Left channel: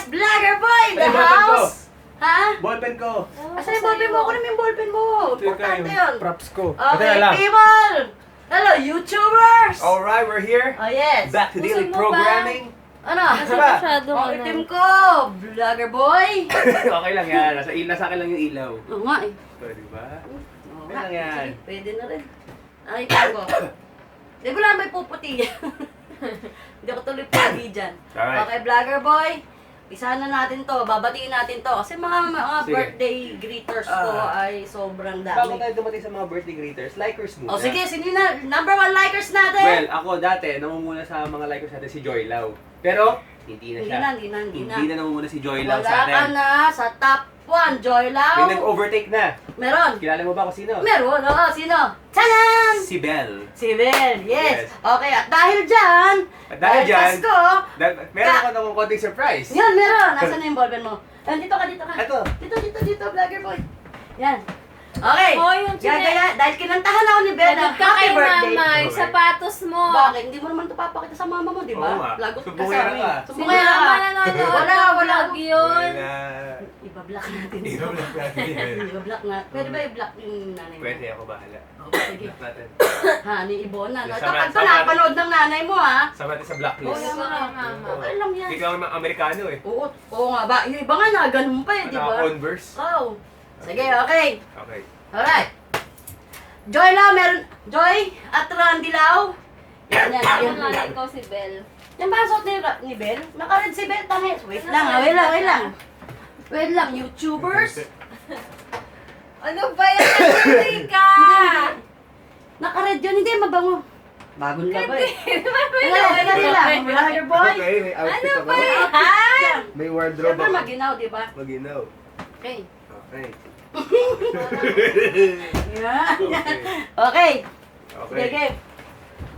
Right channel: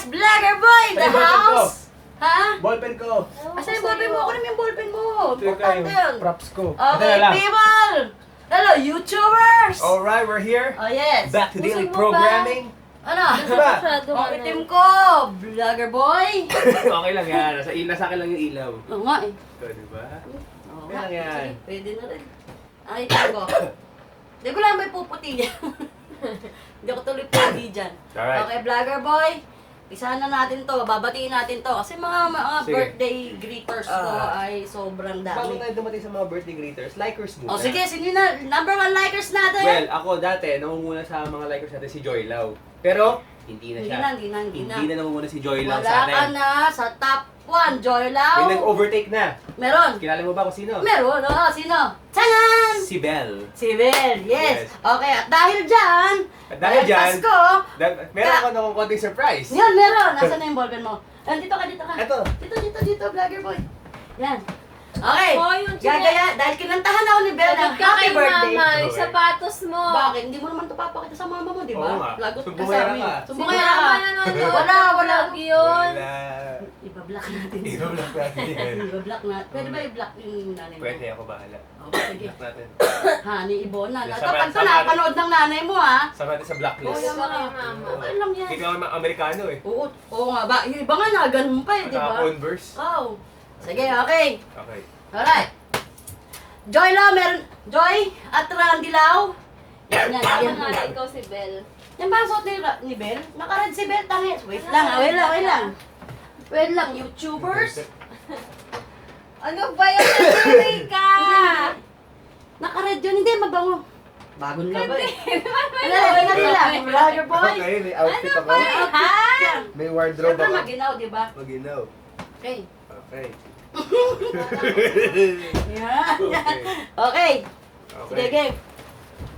Yes, Vlogger Boy in the Ay, ballpen ko. house! Ha? Ballpen ko. Asan yung ballpen mo? Kunin mo yung ballpen mo. Importante yun. Props ko. Okay, Ito na lang. people! Hello, YouTubers! Alright, we're here. Oh, yes. Back to daily Busog mo programming. Ano? Ano ba? Ang itim ko, Vlogger Boy. Okay lang yan. Nasa akin lang yung ilaw. Oo nga eh. Ito, di ba? Oo Yan nga. lang yan. Sige, pwede na rin. Ang itim ko. Di ko lang may puputi yan. Hindi ako tuloy puputi dyan. Alright. Okay, Vlogger Boy. Pisahan na natin to. Babatiin natin to. Kasi mga Sige. birthday greeters ko ay sobrang Bago dami. tayo dumating sa mga birthday greeters, likers muna. O sige, sino na? Number 1 likers natin. Well, ako dati, nangunguna sa mga likers natin si Joy Lau. Pero, hindi na Hindi siya. na, hindi na, hindi na. Hindi na nangunguna si Joy Lau Wala sa ka atin. na sa top 1, Joy May Lau. nag-overtake na. Meron. Kilala mo ba kung sino? Meron, oo. Sino? Tanan! Si Belle. Si Bel, yes. Yes. Okay, at dahil dyan, At dahil dyan, Pasko, Meron ako nung konting surprise. yan, meron. Nasaan na yung ballpen mo? Dito ka, dito ka. Ito. Dito, Vlogger Boy. Yan. Okay. Oh, yung Gagaya, dahil kinantahan ako ni Bel ng Lagot ka happy kay birthday. mama, yung sapatos mo. Bakit? Hindi mo naman ito papakita sa mama mo, di ba? Oo nga. Lagot ka sa Sumbongera amin. ka. Sumbongera ka. Si mama nanonood. Wala. Vlog yun. Wala. Iba-block natin. I-block natin yan. Iba-block na. Pwede ba i-block yung nanay mo? Pwede ako bahala. Okay, sige. Block natin. Ha, ni Ibona. Yes, Kapag ito sama- napanood ng nanay mo, ha? Sama natin sa blacklist. Oo naman. Mama. Okay lang yan. Hindi ka naman Amerikano eh. Oo nga ba? Yung iba nga na, ganun pa eh, di ba? Naka-Converse. Oh. Sige, okay. Okay. Alright. Joy Lau, meron. Joy at Randy Lau. Yan, yan, Ano yan. nga, ikaw si Belle. Yan ba ang suot ni Bel? Naka-red si Bel, tangi. Wait lang, wait lang. Wait lang, YouTubers. Ano ba yan? Hindi ka! Hindi. Naka-red yun, hindi mabango. Bagong laba eh. Wala lang. Vlogger boy. Okay, may outfit Ano ako. ba yan? May wardrobe Siyempre ako. maginaw, di ba? Maginaw. Okay. Okay. Yan. Okay. Okay. Okay. Sige, game.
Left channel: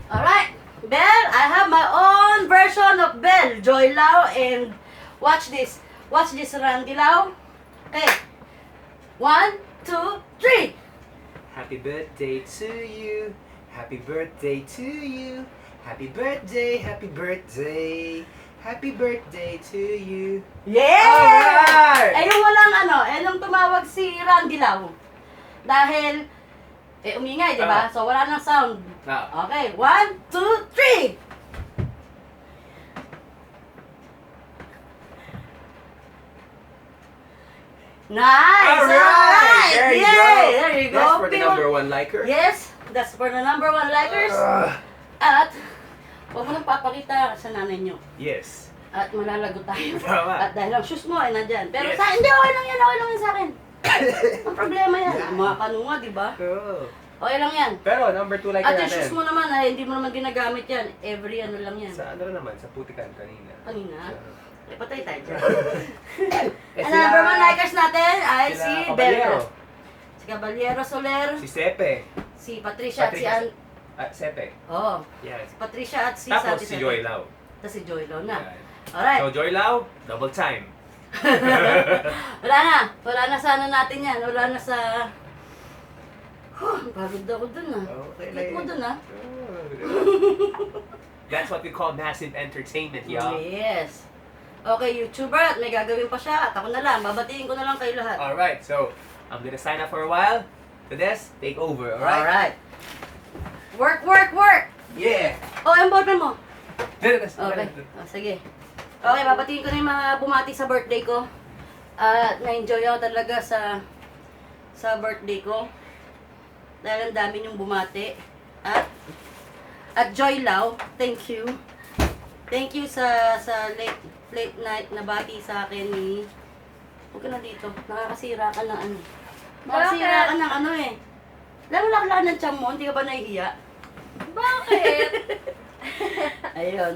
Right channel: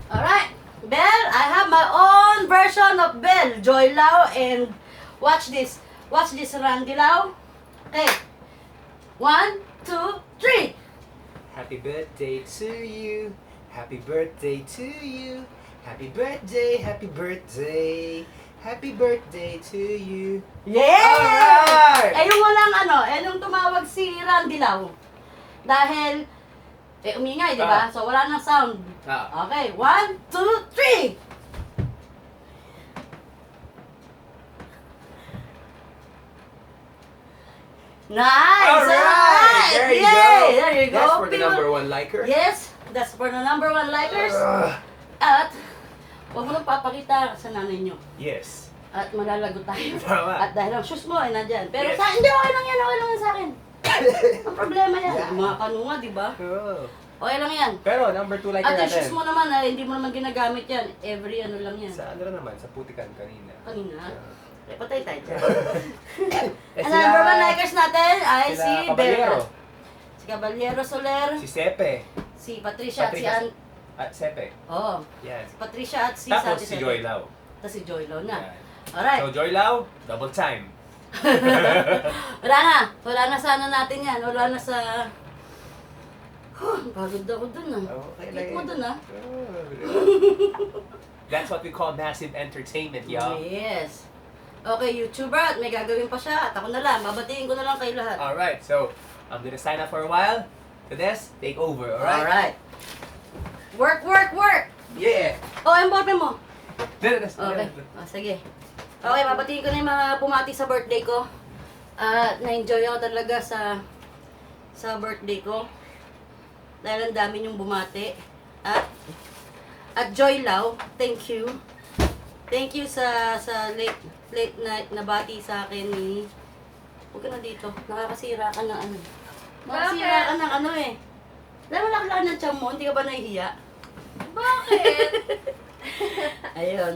Alright. Belle, I have my own version of Belle, Joy Lau, and watch this. Watch this, Randy Lau. Okay. 1, 2, 3. Happy birthday to you. Happy birthday to you. Happy birthday, happy birthday. Happy birthday to you. Yeah! Alright! Eh, yung walang yung tumawag si Randy Lau. Dahil, umingay, di ba? Ah. So, wala nang sound. Ah. Okay, 1, 2, 3. Nice! Alright! There you Yay! go. There you go. That's for the People- number 1 liker. Yes, that's for the number 1 likers. Ah, At, huwag mo nang papakita sa nanay nyo. yes. At malalagot tayo. Tama. At dahil ang shoes mo ay nandyan. Pero Yes. hindi, okay lang yan sa akin. Ang problema yan. Ang mga kanunga, di ba? Oh. Okay lang yan. Pero number 2 liker At yung natin. shoes mo naman, ay, hindi mo naman ginagamit yan. Every lang yan. Sa ano naman, sa putikan kanina. Kanina. Eh, patay tayo dyan. Eh, Ang number 1 likers natin ay sila si Caballero. Bella. Si Caballero Soler, Si Sepe. si Patricia, at si Patricia. An... Sepe. Oh, Yan. si Patricia at si Tapos Santi si Sete. Joy Lau. Tapos si Joy Lau na. Yan. Alright. So Joy Lau, double time. Wala na sa natin yan. Wala na sa... Pagod ako dun ah. Okay Click mo dun ah. That's what we call massive entertainment, y'all. Yes. Okay, YouTuber, at may gagawin pa siya. At ako na lang, babatiin ko na lang kayo lahat. Alright, so I'm gonna sign up for a while. To this, take over, alright? Alright. Work, work, work! Yeah! Oh, yung ballpen mo. Okay. Okay. Oh, sige. Okay, babatiin ko na yung mga bumati sa birthday ko. Na-enjoy ako talaga sa birthday ko. Dahil ang dami niyong bumati. At Joy Lau, thank you. Thank you sa late night na bati sa akin ni... Huwag ka na dito. Nakakasira ka ng ano. Nakakasira ka ng ano eh. Alam mo laki ng tiyan mo, hindi ka ba nahihiya? Bakit? Ayun.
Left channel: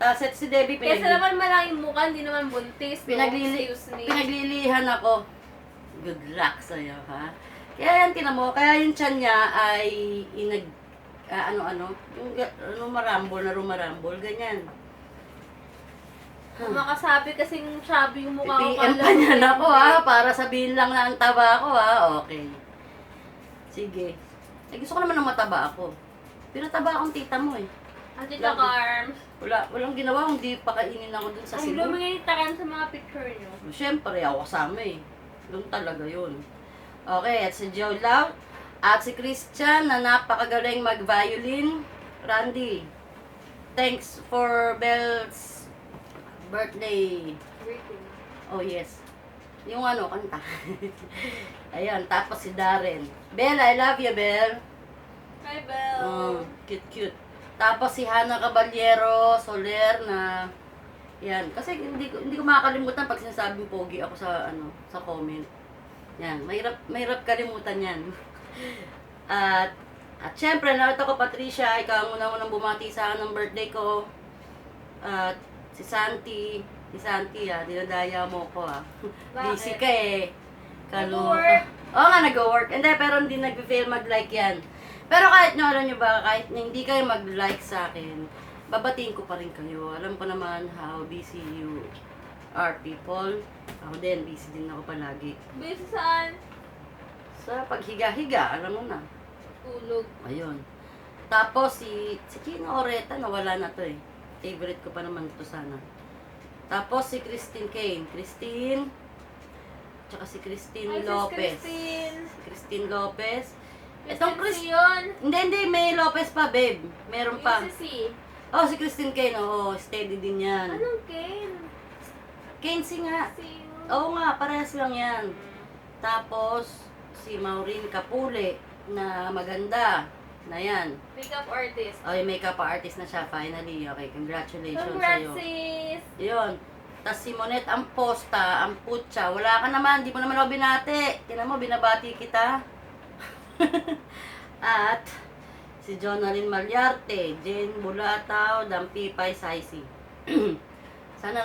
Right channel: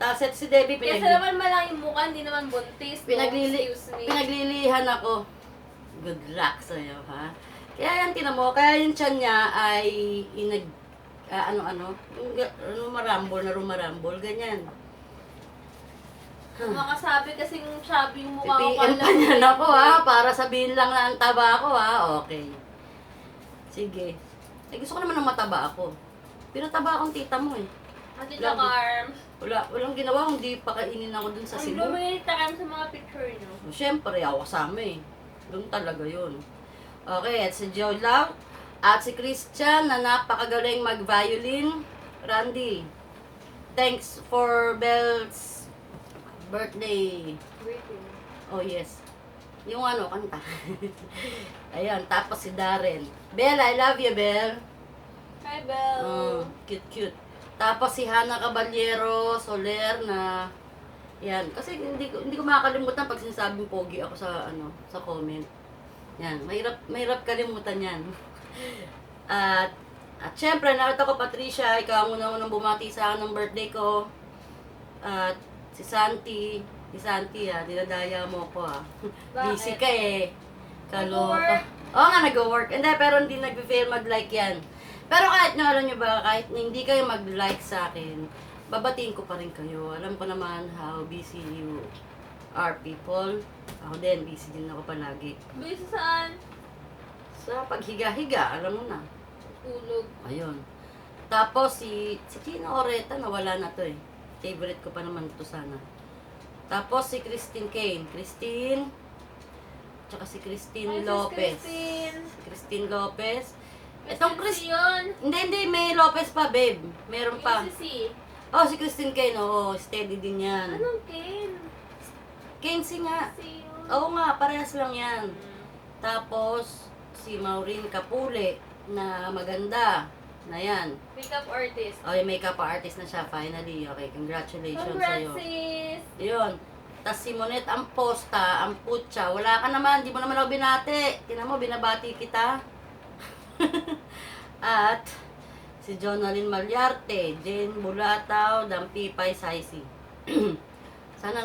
Tapos si Debbie Kasi naman malaki yung mukha, hindi naman buntis. Excuse me. pinaglilihan ako. Good luck sa'yo, ha? Kaya yan, tinan mo, kaya yung tiyan niya ay yung rumarambol, ganyan. Kung makasabi kasing chubby yung mukha ko. PM pa niyan ako, ha? Para sabihin lang na ang taba ako, ha? Okay. Sige. Eh, gusto ko naman ng mataba ako. Pinataba akong tita mo, eh. Ate Love Choco Arms. Walang ginawa kundi pakainin ako dun sa Ang Cebu. dami takan sa mga picture niyo. Siyempre, ako kasama eh. Doon talaga yun. Okay, at si Joe Love. At si Christian na napakagaling mag-violin. Randy, thanks for Belle's birthday. Greeting. Oh yes. Yung ano, kanta. Ayan, tapos si Darren. Belle, I love you, Belle. Hi, Belle. Oh, cute. Tapos si Hannah Caballero Soler na yan, kasi hindi ko makakalimutan pag sinasabing pogi ako sa sa comment. Yan, mahirap kalimutan 'yan. At syempre, narito ko Patricia, ikaw ang unang bumati sa akin ng birthday ko. At si Santi, dinadaya mo ko Bakit? Busy ka eh. Kaloka. Nag-work. Oo nga, nag-work. Hindi, pero hindi nag-fail mag-like yan. Pero kahit nyo, alam nyo ba, kahit na hindi kayo mag-like sa akin, babatiin ko pa rin kayo. Alam ko naman how busy you are people. Ako din, busy din ako palagi. Busy saan? Sa paghiga-higa, alam mo na. Tulog. Ayun. Tapos si Chino Oreta, nawala na to eh. Favorite ko pa naman to sana. Tapos si Christine Kane. Tsaka si Christine Hi, Sis Lopez. Christine. Si Christine Lopez. Itong yun. Hindi, may Lopez pa, babe. Meron pa. Yung si Oh, si Christine Kane, oo, steady din yan. Anong Ken? Kenzie nga. Si Oo nga, parehas lang yan. Tapos, si Maureen Capule, na maganda. Na yan. Makeup artist. Oh, yung makeup artist na siya, finally. Okay, congratulations Congrats, sa'yo. sis. Yun. Tapos si Monet Amposta, Amputsa. Wala ka naman, di mo naman ako binati. Tinan mo, binabati kita. At si Jonalyn Malyarte, Jane Bulataw, Dampipay Saisi. Sana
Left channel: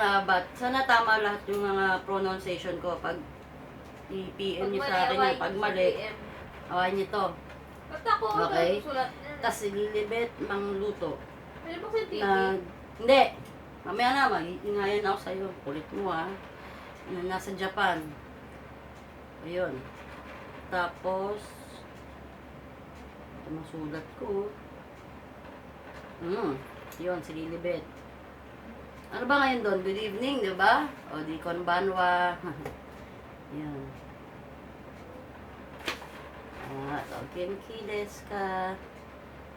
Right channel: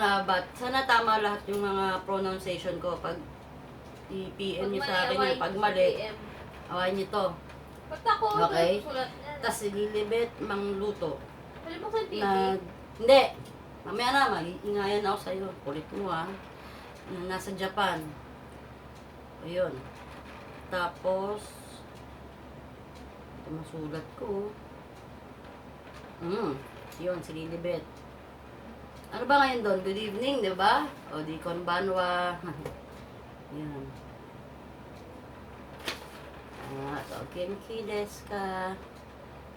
tama lahat yung mga pronunciation ko pag i-PM nyo sa akin yan. Pag mali, awain nyo to. Ba't ako? Okay. Sulat yan. Tapos si Lilibet Mangluto. Pwede mo yung TV? Hindi. Mamaya na, mag-iingayan ako sa'yo. Kulit mo nasa Japan. Ayun. Tapos, ito masulat ko. Yun, si Lilibet. Ano ba ngayon doon? Good evening, di ba? O, di konbanwa. Yan. O, Genki desu ka.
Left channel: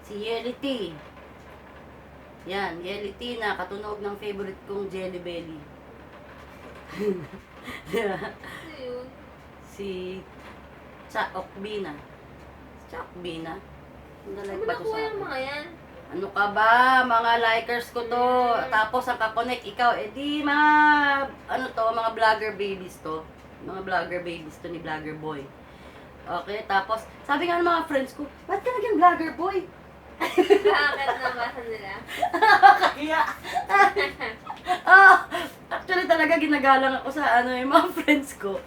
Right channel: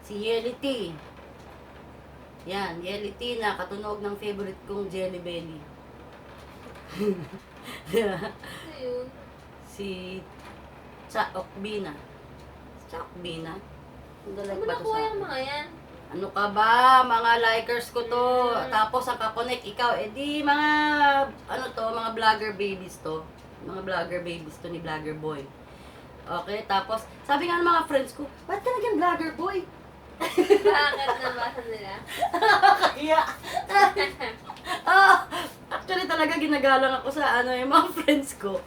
Si Yelity. Yan, Yelity na katunog ng favorite kong Jelly Belly. Ano yun? Si Chaokbina. Chaokbina? Ang Saan dalag mo ba to nakuha sa yung mga yan? Ano ka ba? Mga likers ko to. Tapos ang kakonek ikaw, di mga, mga vlogger babies to. Mga vlogger babies to ni Vlogger Boy. Okay, tapos, sabi nga ng mga friends ko, ba't ka naging Vlogger Boy? Bakit nabasa nila? Kaya, actually talaga ginagalang ako sa yung mga friends ko.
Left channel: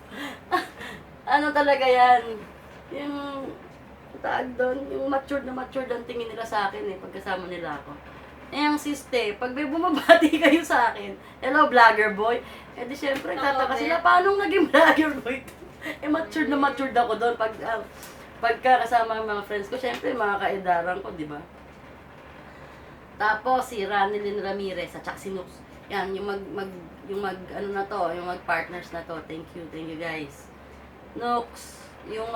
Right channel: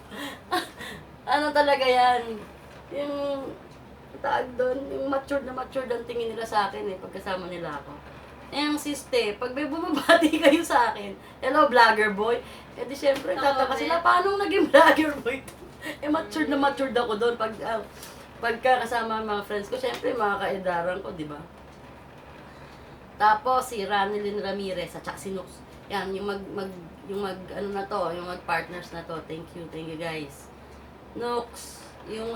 Ano talaga yan? Yung tawag doon, yung matured ang tingin nila sa akin pagkasama nila ako. Ang siste, pag may bumabati kayo sa akin, hello vlogger boy, di syempre tataka sila, paano naging vlogger boy? Matured ako doon pagka kasama ang mga friends ko, syempre mga kaedaran ko, di ba? Tapos si Ranelyn Ramirez at saka si Nux. Yan, yung mag-partners na to. Thank you guys. Nux, yung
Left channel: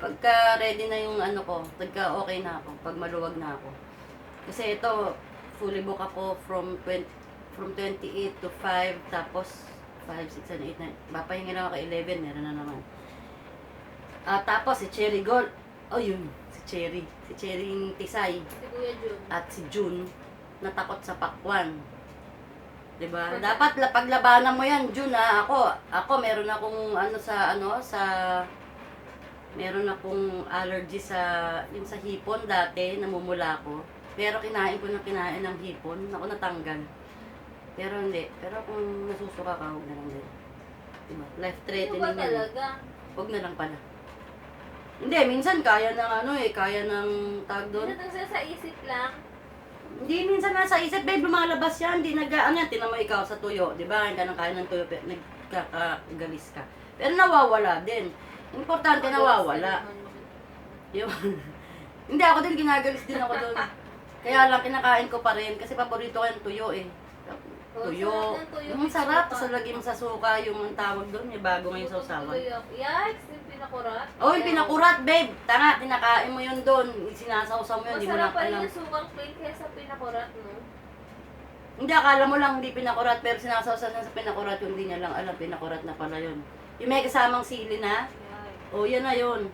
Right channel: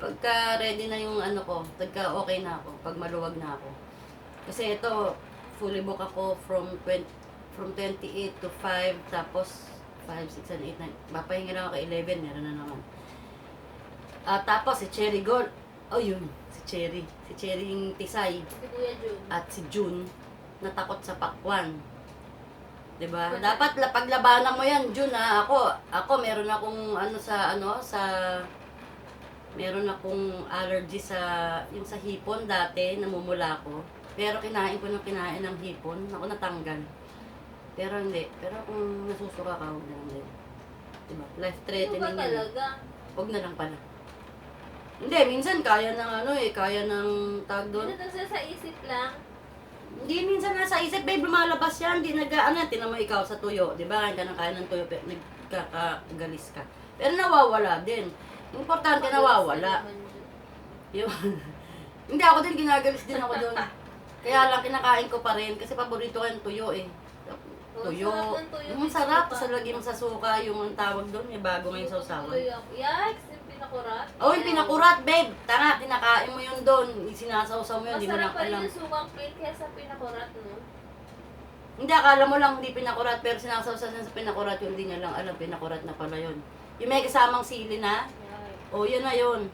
pagka ready na yung ko, pagka okay na ako, pag maluwag na ako. Kasi ito, fully book ako from 28 to 5, tapos 5, 6, 7, 8, 9. Papahinga lang ako 11, meron na naman. Tapos si Cherry Gold, yun, si Cherry yung Tisay. Si Kuya Jun. At si June, natakot sa pakwan. 'Di ba? Dapat paglabanan mo 'yan, June Ako meron akong meron akong allergy sa hipon dati, namumula ako. Pero kinain ng hipon, natanggal. Pero hindi. Pero kung nasusuka ka, huwag na lang din. Diba? Life threatening Ano ba yan. talaga? Huwag na lang pala. Hindi, minsan kaya ng kaya ng tag doon. Ano sa isip lang? Hindi, minsan nasa isip, babe, lumalabas yan. Hindi tinan mo ikaw sa tuyo. Di ba? Kaya kaya ng tuyo, pero nagkakagalis ka. Pero nawawala din. Importante, nawawala. Yun. Hindi, ako din, ginagalis din ako doon. Kaya lang kinakain ko pa rin kasi paborito ko yung tuyo eh. Tuyo. sarap ng tuyo. Yung sarap, tapos lagyan mo sa suka, yung ang tawag doon, may bago ngayon sa usawan. Yikes, yung pinakurat. Oh, yung pinakurat, babe. Tanga, kinakain mo yun doon. Sinasawsaw mo yun, di mo lang Masarap pa rin alam. yung sukang plain kesa pinakurat, no? Hindi, akala mo lang hindi pinakurat, pero sinasawsaw na sa pinakurat yun, hindi niya lang alam, pinakurat na pala yun. Yung may kasamang sili na, Yikes. oh, yan na yun.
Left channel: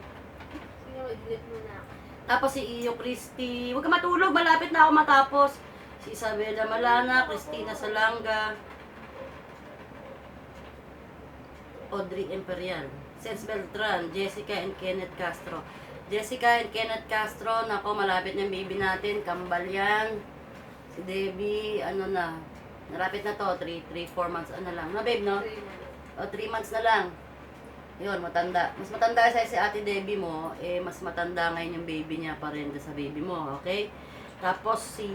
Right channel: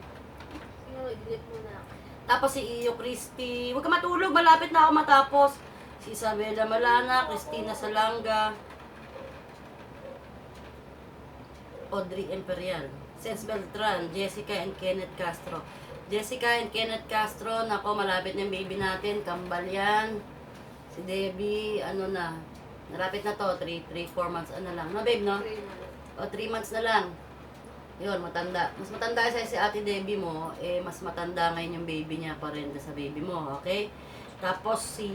Sino, i-delete mo na. Tapos si Iyo Christy, huwag ka matulog, malapit na ako matapos. Si Isabela Malana, Christina Salanga, Audrey Imperial, Sens Beltran, Jessica and Kenneth Castro. Jessica and Kenneth Castro, nako, malapit na yung baby natin, kambal yan. Si Debbie, ano na, narapit na to, 3-4 months, ano lang. No, babe, no? 3 months. O, 3 months na lang. Yun, matanda. Mas matanda kasi si ate Debbie mo, eh, mas matanda ngayon yung baby niya pa rin sa baby mo, okay? Tapos si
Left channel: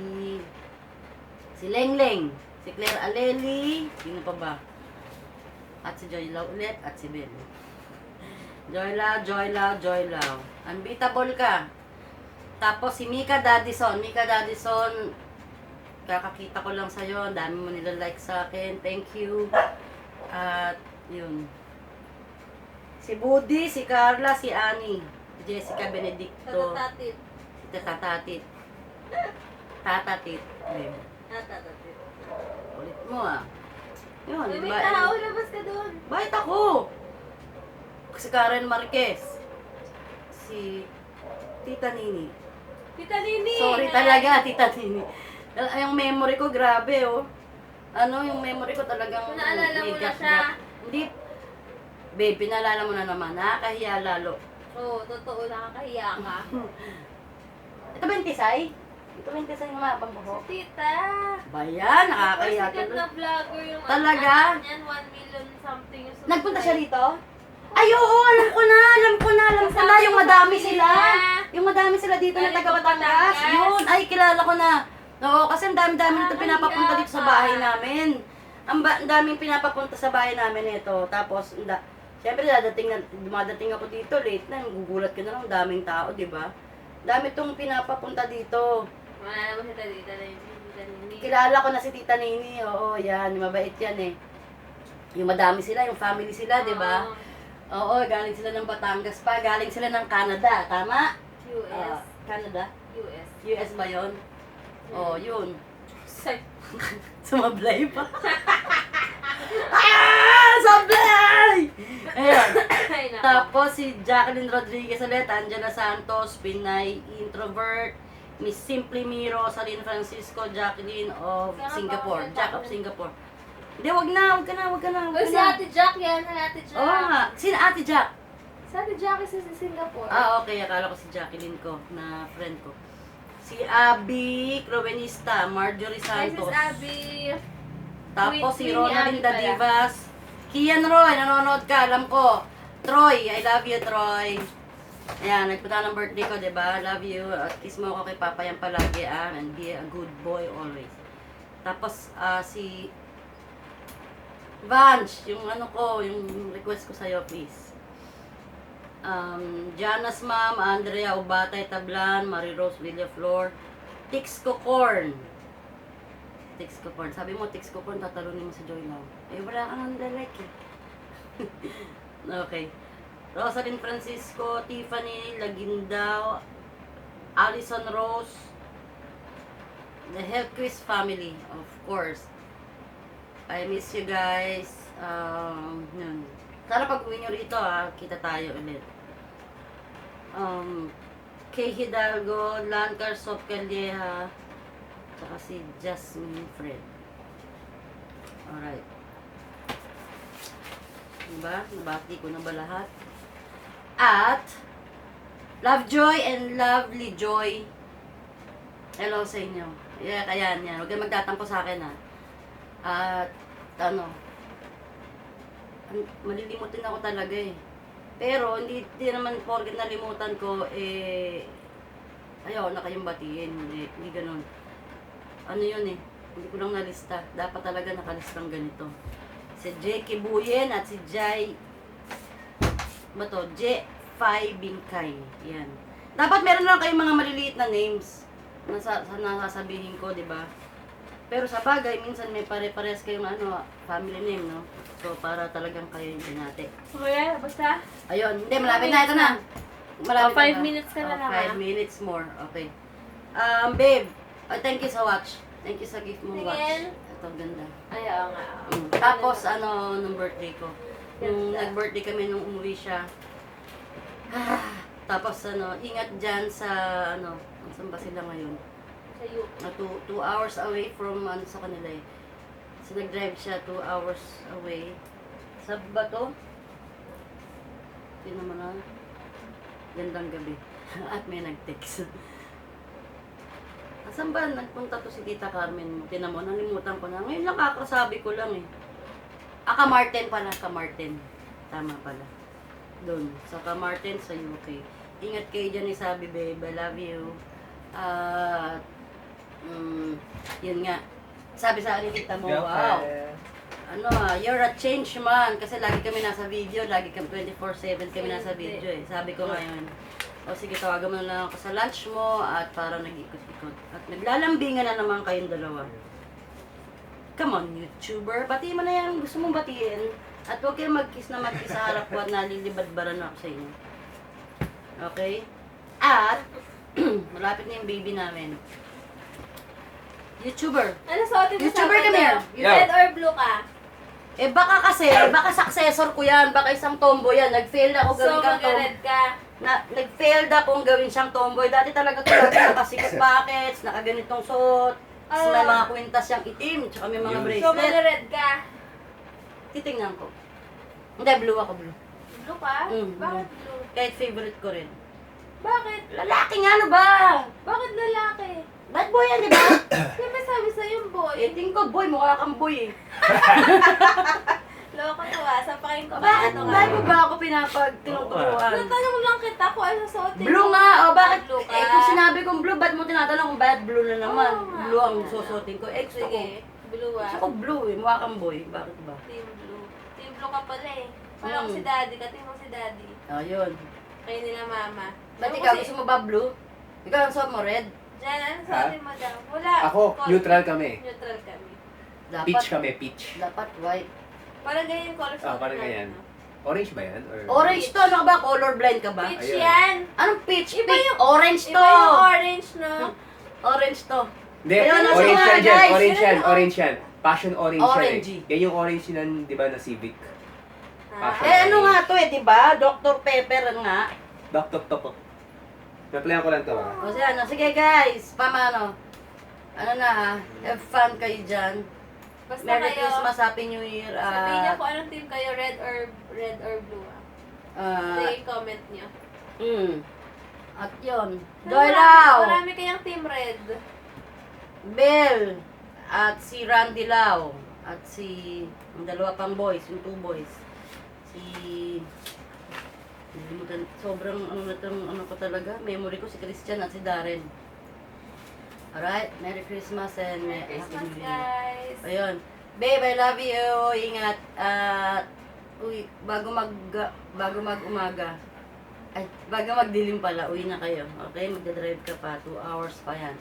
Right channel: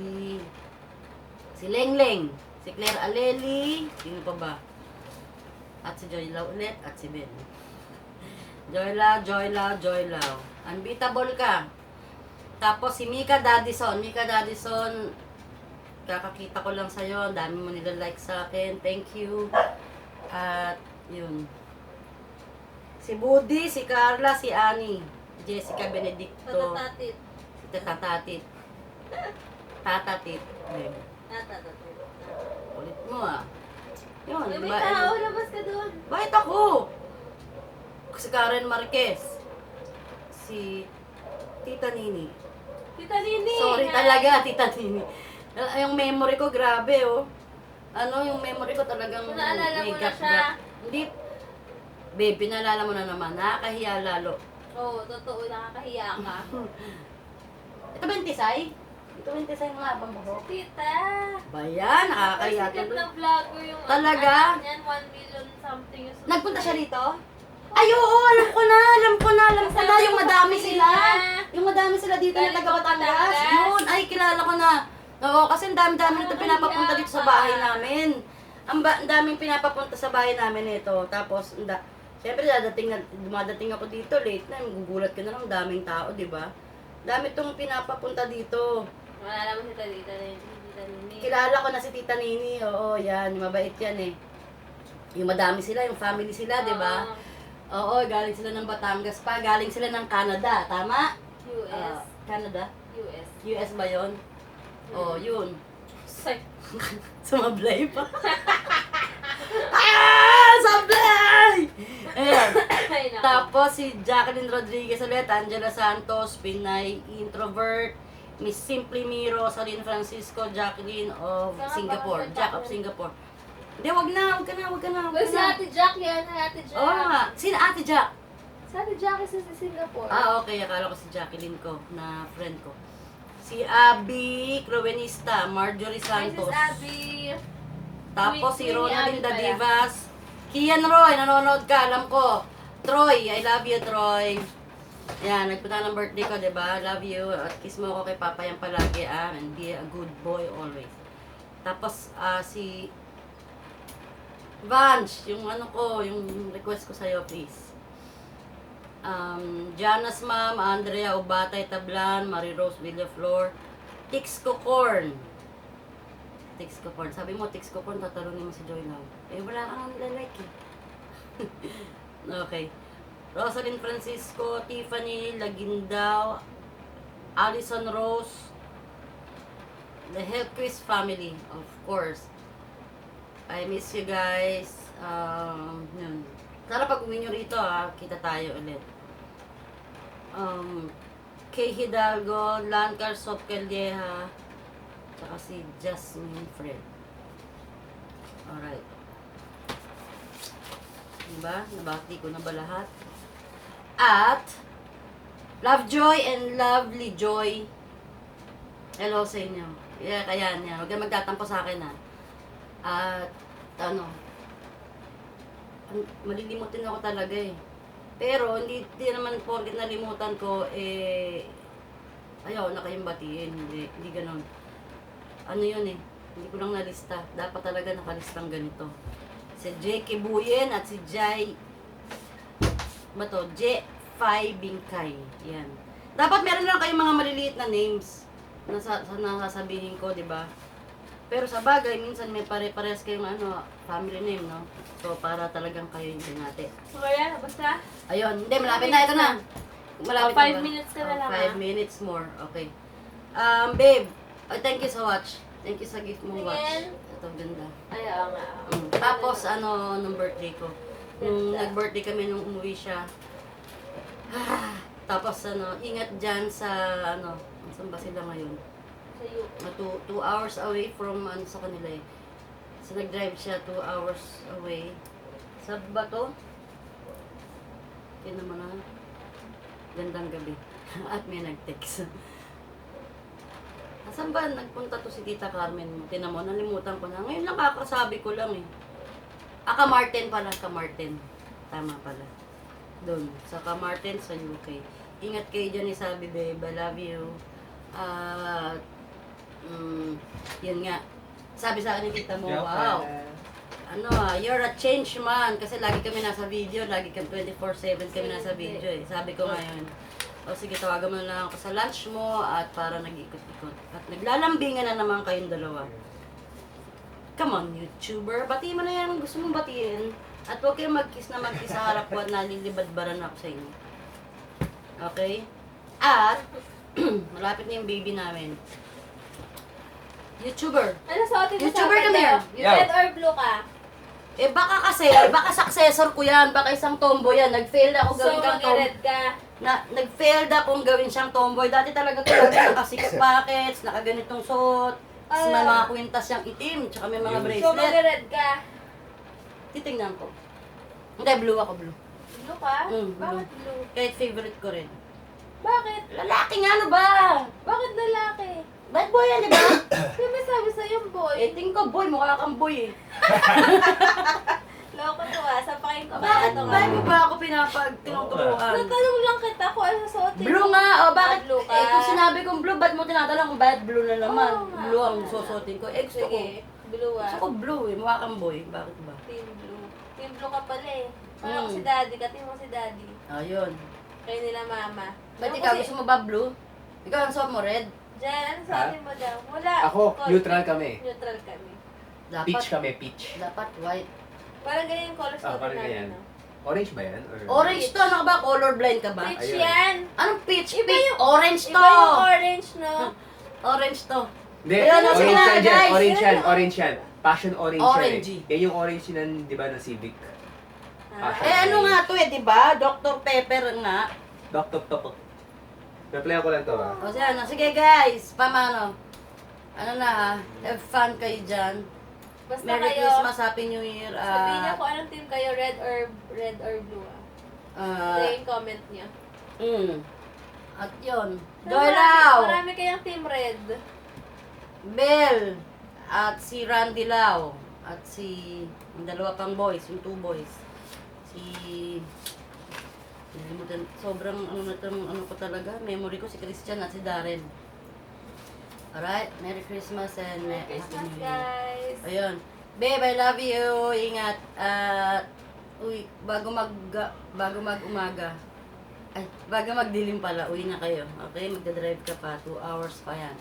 Lengleng, si Claire Aleli, sino pa ba? At si Joylaw ulit, at si Ben. Joylaw. Unbeatable ka. Tapos si Mika Dadison, kakakita ko lang sa'yo, ang dami mo nila-like sa akin, thank you. At, yun. Si Budi, si Carla, si Annie, Jessica Benedicto, Tatatit. si Tatatit. Tatatit. Babe. Tatatit. Ulit mo ah. Yun, Uy, di may ba? tao, labas ka doon. Bakit ako? Si Karen Marquez. Si Tita Nini. Tita Nini! Sorry na- talaga, Tita Nini. Yung memory ko, grabe oh. Ano, yung memory ko talagang Kung naalala may mo na gap. siya. Hindi. Babe, pinaalala mo na naman. Nakakahiya lalo. Oo, totoo, nakakahiya ka. Ito ba yung tisay? Ito ba yung tisay ng mabang buhok? Tita! Ba yan? Nakakahiya Sikat tuloy. na vlogger yung Talaga? ano yan, 1 million something yung Nagpunta siya rito? Ay, oo, alam ko na. Yung madami sila. Yung madami sila dito na Galing taga po Batangas. Batangas. Yun, ay, kilala ko na. Oo, kasi ang dami-dami nito pinapapunta dito sa bahay namin. Ang daming pinapapunta sa bahay namin ito. Tapos, siyempre, dumadating ako dito, late na, gugulat ka na lang, daming tao, di ba? Dami itong pinapapunta dito. Wala naman si Tita Nini. Kilala ko na si Tita Nini, oo, yan, mabait yan eh. Yung madami sila, yung family sila, di ba? Oo. Oo, galing sila ng Batangas pa, galing sila ng Canada, tama? US. Canada? US. US ba yun? Oo, yun. Say. Sumablay pa. Sablay! Ayan. Ay, nako. Tapos si Jacqueline Rodriguez ulit, Angela Santos, Pinay Introvert, Miss Simply Miro, Salin Francisco, Jacqueline of Singapore, Jack of Singapore. Hindi, wag ka na. Uy, si Ate Jack yan, Ate Jack. Oo nga. Sino Ate Jack? Si Ate Jack is sa Singapore. Ah, okay. Akala ko si Jacqueline ko, na friend ko. Si Abby Crovenista, Marjorie Hi, Santos. Sis Abby. Tapos si Queen Ronalinda Abby pala. Divas. Kian Roy, nanonood ka, alam ko. Troy, I love you, Troy. Ayan, nagpunta ng birthday ko, diba? Love you. At kiss mo ako kay Papa yan palagi, and be a good boy always. Tapos, si Vanch, yung ano ko, yung request ko sa'yo, please. Jana's Mom, Andrea Ubatay Tablan, Marie Rose Villaflor, Tix Cocorn. Tix Cocorn. Sabi mo, Tix Cocorn, tatalunin mo si Joy Lau. Eh, wala kang nilalike eh. Okay. Rosalind Francisco, Tiffany Lagindao, Allison Rose, the Helquist family, of course. I miss you guys. Yun. Sana pag uwi nyo rito kita tayo ulit. Kay Hidalgo, Lancar Sop Calleja, tsaka si Jasmine Fred. Alright. Diba? Nabati ko na ba lahat? At, Lovejoy and Lovely Joy. Hello sa inyo. Yeah, kaya yan. Huwag kayong magtatampo sa akin At, malilimutin ako talaga eh. Pero, hindi naman porket nalimutan ko, ayaw na kayong batiin. Hindi ganun. Ano yun eh. Hindi ko lang nalista. Dapat talaga nakalistang ganito. Si J. Kibuyen at si Jai, J. Bingkay. Yan. Dapat meron lang kayong mga maliliit na names. nasasabihin ko, di ba? Pero sa bagay, minsan may pare-pares kayong family name, no? So, para talagang kayo yung binati. Wala, basta. Ayun, hindi, malapit na, ito na. Malapit Oh, 5 na ba? minutes na lang, 5 ah. minutes more, okay. Babe, thank you sa watch. Thank you sa gift mong watch. Tingin. Ito, ganda. Ay, oo nga. Tapos, nung birthday ko. Nung Ganda. nag-birthday kami, nung umuwi siya. Tapos, ingat dyan sa, saan ba sila ngayon? Sa you. 2 hours away from, sa kanila eh. So, nag-drive siya 2 hours away. Sa Bato. Tingnan mo na. Gandang gabi. At may nag-text. Asan ba nagpunta to si Tita Carmen mo? Tingnan mo, nalimutan ko na. Ngayon lang kakasabi ko lang eh. Kamartin pala, Kamartin. Tama pala. Doon, sa Kamartin sa UK. Ingat kayo dyan ni Sabi, babe. I love you. Yun nga. Sabi sa akin ni Tita mo, wow. You're a change man. Kasi lagi kami nasa video, lagi kami 24/7 kami nasa video eh. Sabi ko ngayon, sige, tawagan mo na lang ako sa lunch mo at para nag-ikot-ikot. At naglalambingan na naman kayong dalawa. Come on, YouTuber. Batiin mo na yan. Gusto mong batiin. At huwag kayong mag-kiss na mag-kiss sa harap ko at nalilibad-baran ako sa inyo. Okay? At, malapit na yung baby namin. YouTuber. Ano sa atin? YouTuber, come here. Red or blue ka? Baka kasi, baka successor ko yan. Baka isang tomboy yan. Nag-fail ako So, gawin kang tomboy. mag-red ka. Nag-failed akong gawin siyang tomboy. Dati talaga ko lagi naka-six pockets, nakaganitong suot. Tapos may mga kwintas siyang itim, tsaka may mga So, bracelet. mag-red ka. Titingnan ko. Hindi, blue ako, blue. Blue ka? Blue. Bakit blue? Kahit favorite ko rin. Bakit? Lalaki nga, ano ba? Bakit lalaki? Bad boy yan, di ba? Di ba sabi sa'yo, boy? Tingin ko, boy, mukha kang boy eh. Loko to sampakin ko Bakit ito. mo ba ako tinuturuan? Natanong lang kita kung ano susuotin Blue mo. nga, bakit? Blue ka. Kung sinabi kong blue, ba't mo tinatanong kung bad blue na naman? Oo nga. Blue ang susuotin ko. Gusto ko. Sige, blue Gusto ko blue eh, mukha kang boy. Bakit ba? Team blue. Team blue ka pala eh. Parang Hmm. si daddy ka, team mo si daddy. Ayun. Kayo nila mama. Ba't Ano ikaw, kasi- gusto mo ba blue? Ikaw ang suot mo, red? Jan, ano sabi mo daw? Wala. Ako, neutral kami. Neutral kami. Dapat, Peach kami, peach. Dapat white. Parang ganyan yung color sa Parang ganyan. Orange ba yan? Or... Orange to, ano ka ba? Color blind ka ba? Peach Ayun. yan. Anong peach? Iba Peach. yung- Orange to. Iba yung orange, no? Orange to. Hindi, Ayun, ano orange sila, yan dyan. guys? Orange yan, Ayun, orange yan. Passion orange Orangey. yan eh. Yan yung orange yan, di ba, na Civic. Ah. Ano nga to eh, di ba? Dr. Pepper nga. Dok, dok, dok, dok. Replyan ko lang to ha. O sige guys, pamano? Ano na ha? Have fun kayo dyan. Basta Merry kayo, Christmas, Happy New Year. sabihin niyo kung anong team kayo, red or blue Ito yung comment niyo. At yun. So, Joy Lau, Marami kayang team red. Bell, at si Randy Lau, at si, yung dalawa pang boys, yung 2 boys. Si, nalimutan, sobrang ano ko talaga, memory ko si Christian at si Darren. Alright, Merry Christmas and Merry Happy Christmas, New Year. guys. Ayun. Babe, I love you. Ingat. Bago mag-umaga. Ay, bago magdilim pala, uwi na kayo. Okay, magdadrive ka pa. 2 hours pa yan.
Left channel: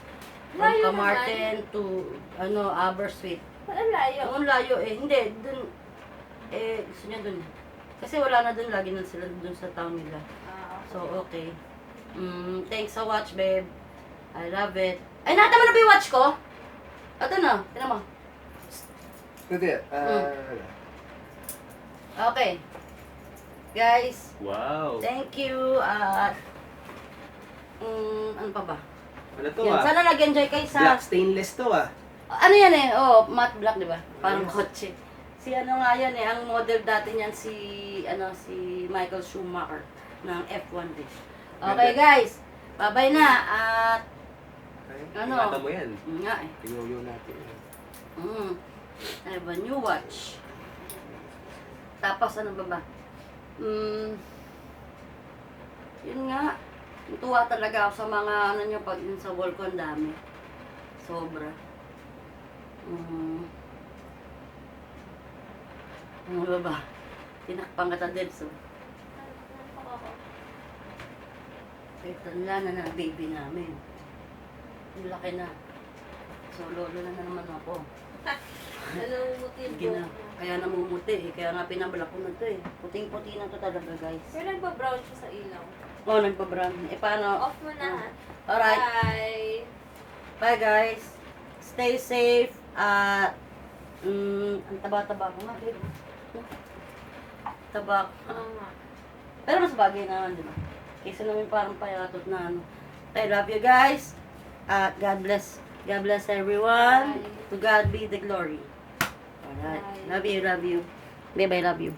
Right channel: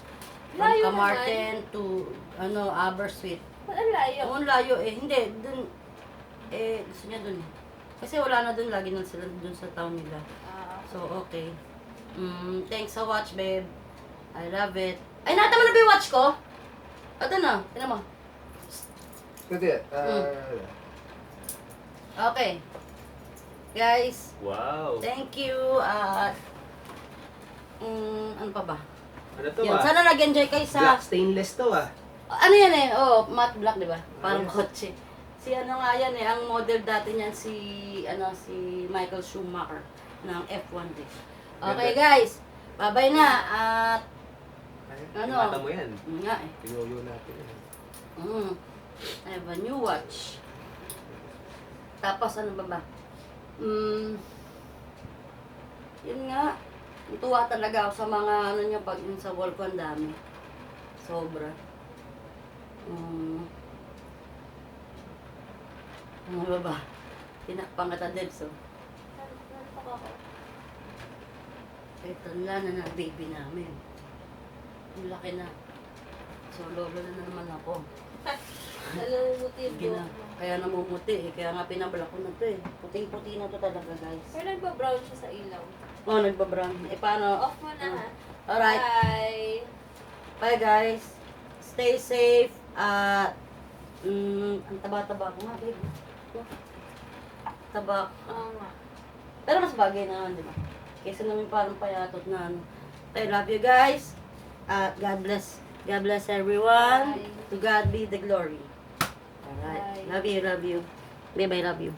From Layo Camarten to, Aberystwyth. Wala layo. Ang layo eh. Hindi, dun, gusto niya dun. Kasi wala na dun, lagi na sila dun sa town nila. So, okay. Thanks sa watch, babe. I love it. Ay, nakita mo na ba yung watch ko? Ito na, tinan mo. Hindi, Okay. Guys, wow. thank you. Ano pa ba? Ano to Yun, ah? sana nag-enjoy kayo sa... Black stainless to ah. Ano yan eh? Oh, matte black, di ba? Parang kotse. Si ano nga yan eh, ang model dati niyan si Michael Schumacher ng F1 din. Okay guys, bye-bye na at Ano? Ingatan mo yan. nga eh. Tingnan natin yan. I have a new watch. Tapos ano ba ba? Yun nga. Tuwa talaga ako sa mga ano niya pag yun sa wall ko ang dami. Sobra. Ano ba ba? Tinakpang kita din so. Ito na baby namin. Laki na. So, lolo na naman ako. Nalumuti yung Hindi na. buhok mo. Kaya namumuti eh. Kaya nga pinabalak ko na to eh. Puting-puti na to talaga guys. Pero nagpa-brown siya sa ilaw. Oh, nagbabrown. Eh, paano? Off mo na ha. Alright. Bye! Bye guys. Stay safe. At, ang taba-taba ko nga, babe. Taba. Oo nga. Pero mas bagay na yun, di ba? Kaysa namin parang payatot na ano. I love you guys. At God bless. God bless everyone. Bye. To God be the glory. Alright. Bye. Love you, love you. Babe, I love you.